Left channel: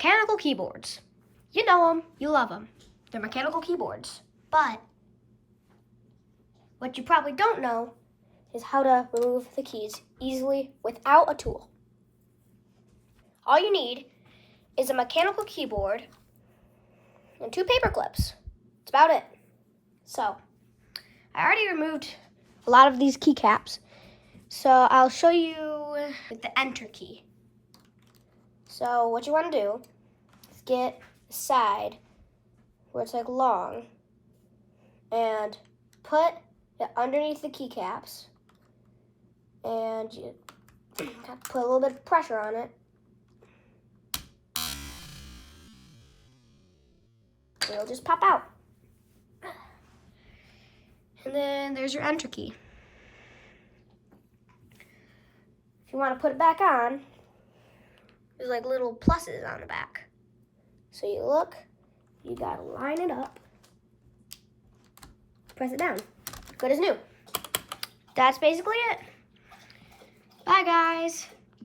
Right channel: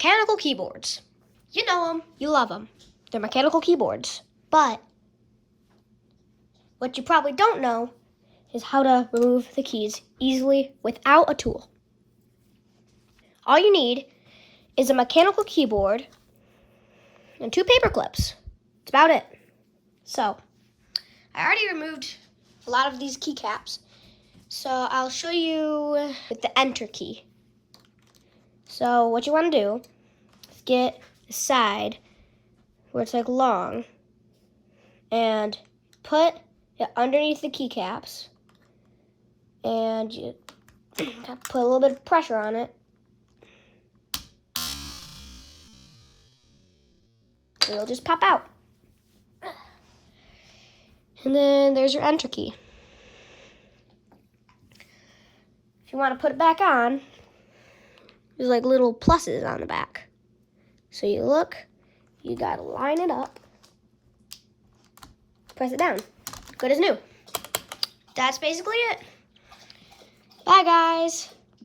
mechanical keyboards. You know them, you love them. They're mechanical keyboards. But what you probably don't know is how to remove the keys easily without a tool. All you need is a mechanical keyboard and 2 paper clips. That's about it. So, I already removed a lot of these keycaps. So, I'll show you with the enter key. So, what you want to do is get a side where it's like long and put it underneath the keycaps, and you put a little bit of pressure on it. And it'll just pop out. And then there's your enter key. If you want to put it back on, there's like little pluses on the back. So you look, you gotta line it up, press it down. Good as new. That's basically it. Bye, guys.